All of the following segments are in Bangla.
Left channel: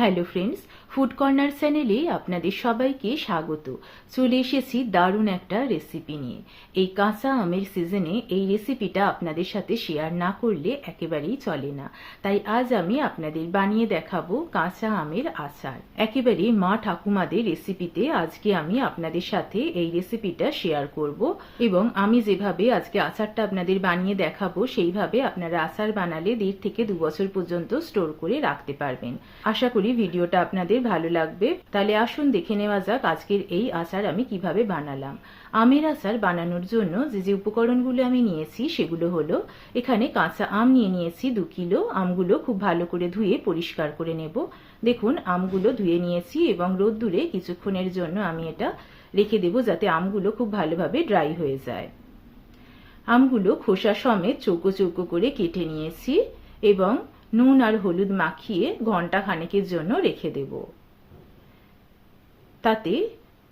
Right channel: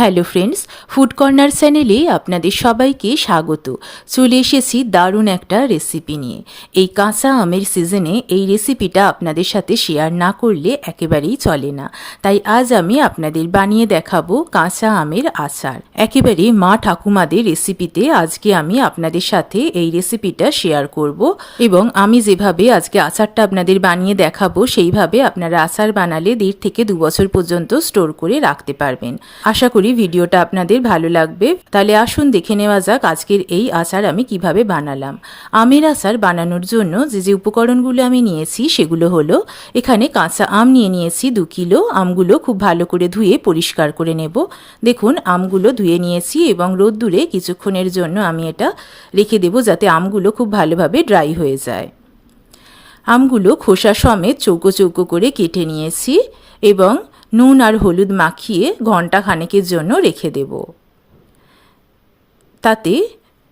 হ্যালো ফ্রেন্ডস ফুড কর্নার চ্যানেলে আপনাদের সবাইকে স্বাগত। চলে এসেছি দারুণ একটা রেসিপি নিয়ে। এই কাঁচা আমের সিজনে এই রেসিপিটা আপনাদের সাথে শেয়ার না করলে একেবারেই চলে না। তাই আজ আমি আপনাদের বানিয়ে দেখাবো কাঁচা আমের আচার। একেবারে মা ঠাকুমাদের রেসিপিতে আজকে আমি আপনাদের সাথে এই রেসিপিটা শেয়ার করব এবং আমি যেভাবে আজকে আচারটা আপনাদের বানিয়ে দেখাবো, সেইভাবে আপনারা আচার বানালে দেড় থেকে দু বছর পর্যন্ত স্টোর করে রাখতে পারবেন। আশা করি ভিডিওটা আপনাদের ভালো লাগবে, তাহলে আসুন দেখে নেওয়া যাক আজকের এই আচার আমি কীভাবে বানালাম। আমের আচার বানানোর জন্য যে যে উপকরণগুলো আমি নিয়েছি, সেগুলো হলো, এখানে কাঁচা আম নিয়ে নিয়েছি দু কিলো, আমগুলো খুব ভালো করে ধুয়ে পরিষ্কার করে নেব। দেখুন, আমগুলো ধুয়ে নিয়েছি এবং রোদ্দুরে কিছুক্ষণের জন্য আমি এটা রেখে দেবো যাতে আমগুলো খুব ভালোভাবে ড্রাই হয়ে যায়। আমগুলো খোসা সমেত চৌকো চৌকো করে কেটে নিয়েছি এবং নুন আর হলুদ মাখিয়ে ঘণ্টা খানেকের জন্য রেখে দেব। তাতে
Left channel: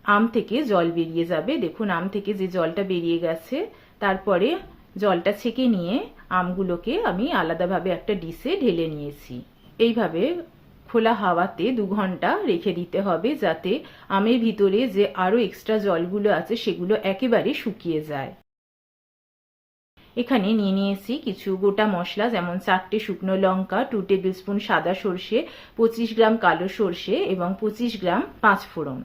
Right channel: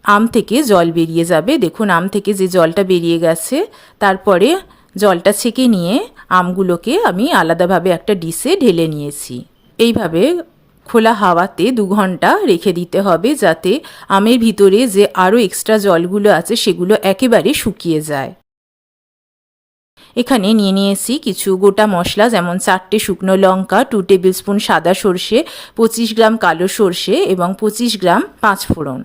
আম থেকে জল বেরিয়ে যাবে। দেখুন, আম থেকে যে জলটা বেরিয়ে গেছে, তারপরে জলটা ছেঁকে নিয়ে আমগুলোকে আমি আলাদাভাবে একটা ডিশে ঢেলে নিয়েছি। এইভাবে খোলা হাওয়াতে দু ঘণ্টা রেখে দিতে হবে যাতে আমের ভিতরে যে আরও এক্সট্রা জলগুলো আছে, সেগুলো একেবারে শুকিয়ে যায়। এখানে নিয়ে নিয়েছি কিছু গোটা মশলা, যেমন চারটে শুকনো লঙ্কা টু টেবিল স্পুন সাদা সর্ষে, পঁচিশ গ্রাম কালো সর্ষে এবং পঁচিশ গ্রাম পাঁচ ফোড়ন।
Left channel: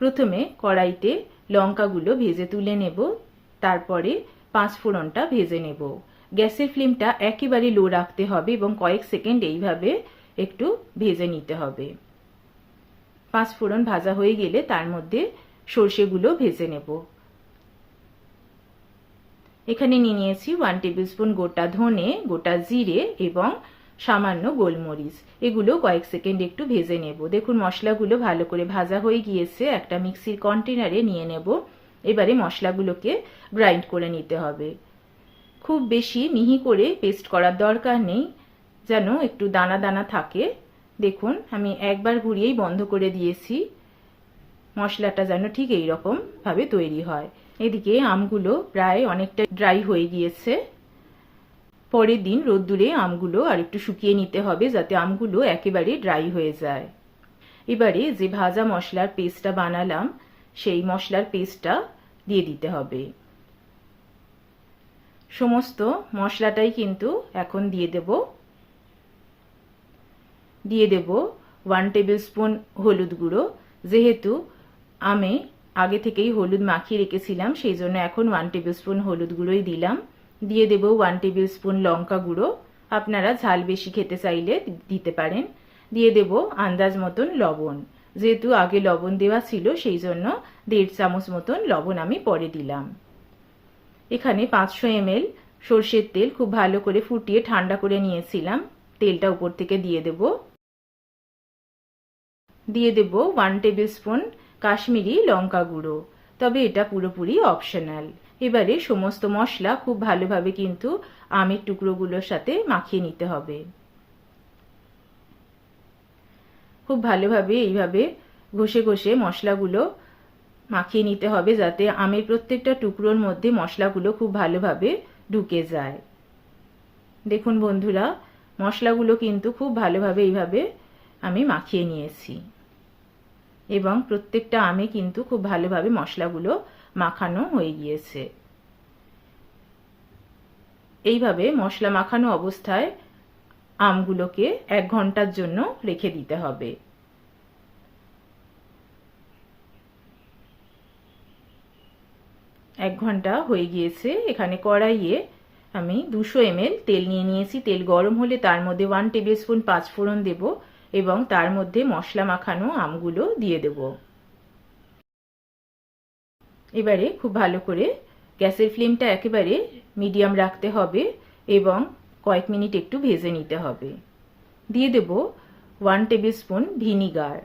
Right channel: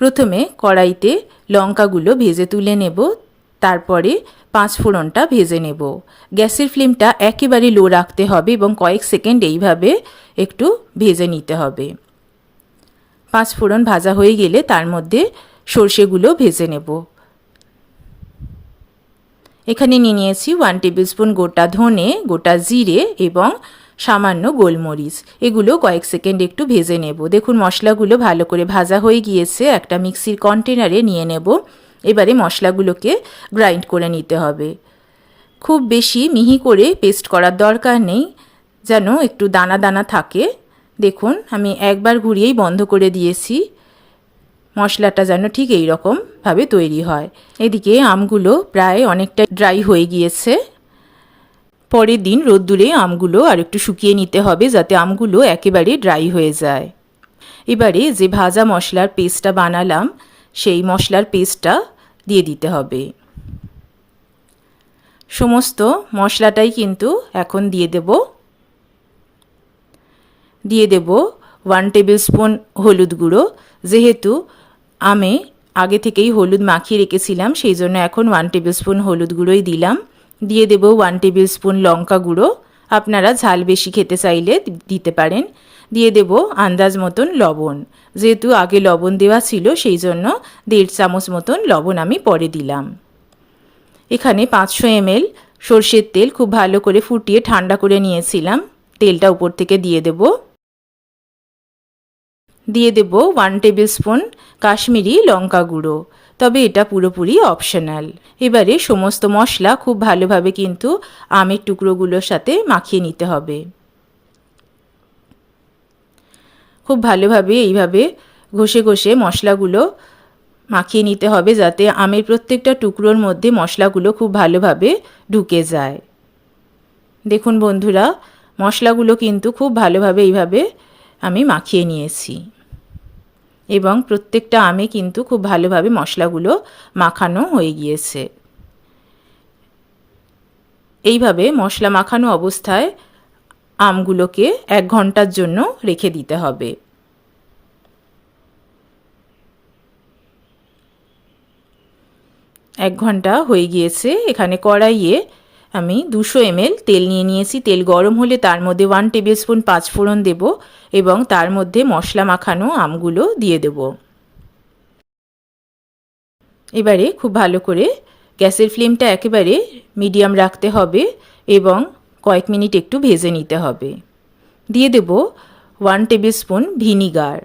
প্রথমে কড়াইতে লঙ্কাগুলো ভেজে তুলে নেব, তারপরে পাঁচ ফোড়নটা ভেজে নেব। গ্যাসের ফ্লেমটা একেবারে লো রাখতে হবে এবং কয়েক সেকেন্ড এইভাবে একটু ভেজে নিতে হবে। পাঁচ ফোড়ন ভাজা হয়ে গেলে তার মধ্যে সর্ষেগুলো ভেজে নেব। এখানে নিয়ে নিয়েছি ওয়ান টেবিল স্পুন গোটা ধনে, গোটা জিরে এবং সামান্য গোলমরিচ। এগুলো কয়েক সেকেন্ড একটু ভেজে নেব। দেখুন, মশলাগুলো ভালো করে ভাজা হয়ে গিয়েছে। একটা মিক্সির কন্টেনারে নিয়ে নেব। এবারে মশলাগুলোকে গ্রাইন্ড করে নিতে হবে। খুব বেশি মিহি করে পেস্ট করার দরকার নেই, যেন একটু দানা দানা থাকে। দেখুন, আমি একবার ঘুরিয়েই বন্ধ করে দিয়েছি। মশলাটা যেন ঠিক এই রকমভাবে তৈরি হয়। এদিকে আমগুলো প্রায় অনেকটা ড্রাই হয়ে গিয়েছে। পরের দিন রোদ্দুরে আমগুলো আর একটু শুকিয়ে নিতে হবে যাতে আমগুলো একেবারে ড্রাই হয়ে যায়। এবারে যে ভাজা মশলার পেস্টটা বানালাম, সেই মশলার পেস্টটা দিয়ে দিতে হবে। সমস্ত মশলাটাই কিন্তু এখন দিয়ে দেব। দিয়ে দেব ওয়ান টেবিল স্পুন হলুদ গুঁড়ো, যেহেতু আমে আগে থেকেই হলুদ মাখিয়ে রেখেছিলাম, সেই জন্য এখন ওয়ান টেবিল স্পুন হলুদ গুঁড়োই দিলাম। দিয়ে দেব ওয়ান টেবিল স্পুন লঙ্কা গুঁড়ো। আপনারা ঝাল বেশি খেতে চাইলে দিতে পারেন। দিয়ে দেব আন্দাজ মতন লবণ। যেহেতু আগে লবণ দেওয়া ছিল, সেই জন্য দেড় চামচ মতন লবণ আমি পরে দিলাম। এখানে পাঁচশো এমএল সর্ষের তেল খুব ভালো করে ফুটিয়ে ঠান্ডা করে নিয়েছিলাম। তেলটা উপর থেকে দিয়ে দেবো। দিয়ে দেব ওয়ান টেবিল স্পুন কাশ্মীরি লঙ্কা গুঁড়ো। তবে এটা পুরোপুরি অপশনাল এবারে সমস্ত মশলা খুব ভালোভাবে কিন্তু আমের টুকরোগুলোর সাথে মাখিয়ে নিতে হবে। খুব ভালোভাবে এইভাবে ঘষে ঘষে মশলাগুলো মাখিয়ে নিতে হবে যাতে আমের প্রত্যেকটা টুকরোর মধ্যে মশলাগুলো খুব ভালোভাবে ঢুকে যায়। দেখুন বন্ধুরা, মশলাগুলো কিন্তু খুব ভালোভাবে এইভাবে আমি মাখিয়ে নিয়েছি। এবং প্রত্যেকটা আমে কিন্তু খুব ভালোভাবে মশলাগুলো মাখানো হয়ে গিয়েছে। এইভাবে মশলা মাখানো অবস্থায় আমগুলোকে এক ঘণ্টার জন্য রেখে দিতে হবে। এক ঘণ্টা হয়ে গিয়েছে, এখানে কড়াইয়ে আমি দুশো এমএল তেল নিয়ে নিয়েছি। তেল গরম হলে তার মধ্যে ওয়ান টেবিল স্পুন পাঁচফোড়ন দেব এবং তার মধ্যে মশলা মাখানো আমগুলো দিয়ে দেব। এবারে খুব ভালো করে গ্যাসের ফ্লেমটা একেবারে মিডিয়াম রাখতে হবে এবং কয়েক মিনিট একটু ভেজে নিতে হবে। দিয়ে দেব ওয়ান টেবিল স্পুন ভিনিগার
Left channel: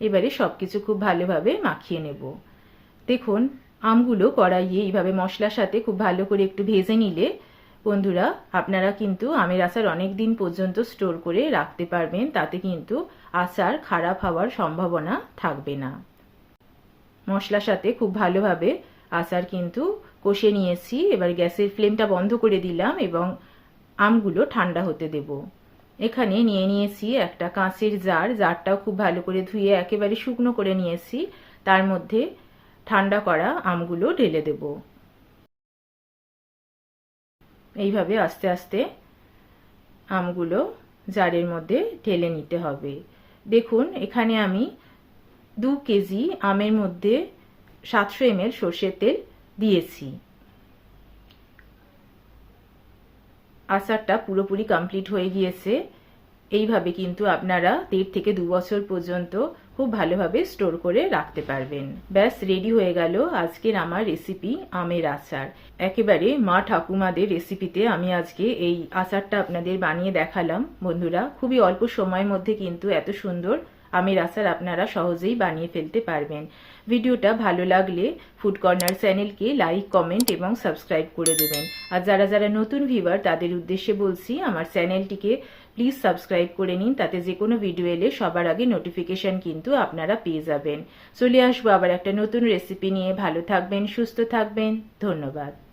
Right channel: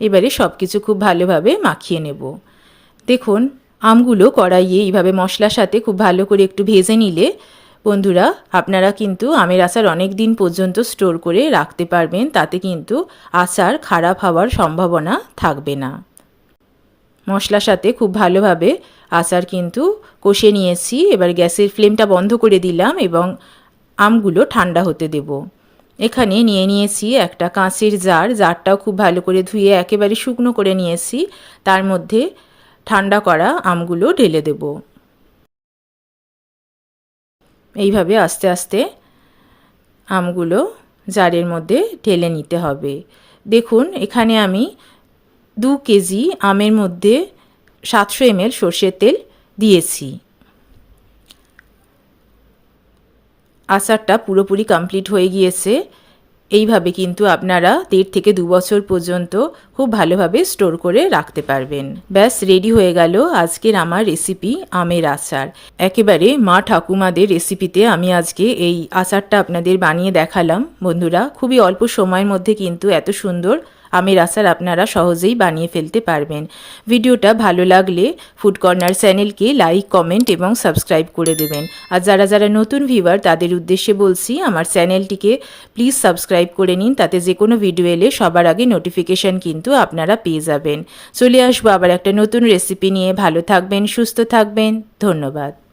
এবারে সব কিছু খুব ভালোভাবে মাখিয়ে নেব। দেখুন আমগুলো কড়াইয়ে এইভাবে মশলার সাথে খুব ভালো করে একটু ভেজে নিলে, বন্ধুরা, আপনারা কিন্তু আমের আচার অনেক দিন পর্যন্ত স্টোর করে রাখতে পারবেন, তাতে কিন্তু আচার খারাপ হওয়ার সম্ভাবনা থাকবে না। মশলার সাথে খুব ভালোভাবে আচার কিন্তু কষে নিয়েছি, এবার গ্যাসের ফ্লেমটা বন্ধ করে দিলাম এবং আমগুলো ঠান্ডা হতে দেব। এখানে নিয়ে নিয়েছি একটা কাঁচের জার, জারটাও খুব ভালো করে ধুয়ে একেবারে শুকনো করে নিয়েছি, তার মধ্যে ঠান্ডা করা আমগুলো ঢেলে দেব। এইভাবে আস্তে আস্তে আমগুলো জারের মধ্যে ঢেলে নিতে হবে। দেখুন, এখানে আমি দু কেজি আমের মধ্যে সাতশো এমএল সর্ষের তেল দিয়েছি। আচারটা পুরোপুরি কমপ্লিট হয়ে গিয়েছে। এইভাবে কিন্তু আপনারা দেড় থেকে দু বছর পর্যন্ত খুব ভালোভাবে স্টোর করে রাখতে পারবেন। ব্যাস, রেডি হয়ে গেল আজকের আমার রেসিপি আমের আচার। একেবারে মা ঠাকুমাদের রেসিপিতে আমি আজকে এই আচারটা আপনাদের বানিয়ে দেখালাম। বন্ধুরা, খুবই অল্প সময়ের মধ্যে কিন্তু এত সুন্দর আমের আচার আপনারা সহজেই বানিয়ে ফেলতে পারবেন। ভিডিওটা ভালো লাগলে ফুড কর্নার চ্যানেলকে লাইক কমেন্ট এবং সাবস্ক্রাইব করে দেবেন। আর যারা যারা নতুন ভিউয়ার তাদের উদ্দেশ্যে বলছি আমার চ্যানেলটিকে প্লিজ সাবস্ক্রাইব করে নিন, তাতে যে কোনো ভিডিও এলে সবার আগে নোটিফিকেশান কিন্তু আপনারা পেয়ে যাবেন। চলে আসব আবার একটা নতুন রেসিপি নিয়ে। ভালো থাকবেন, সুস্থ থাকবেন। ধন্যবাদ।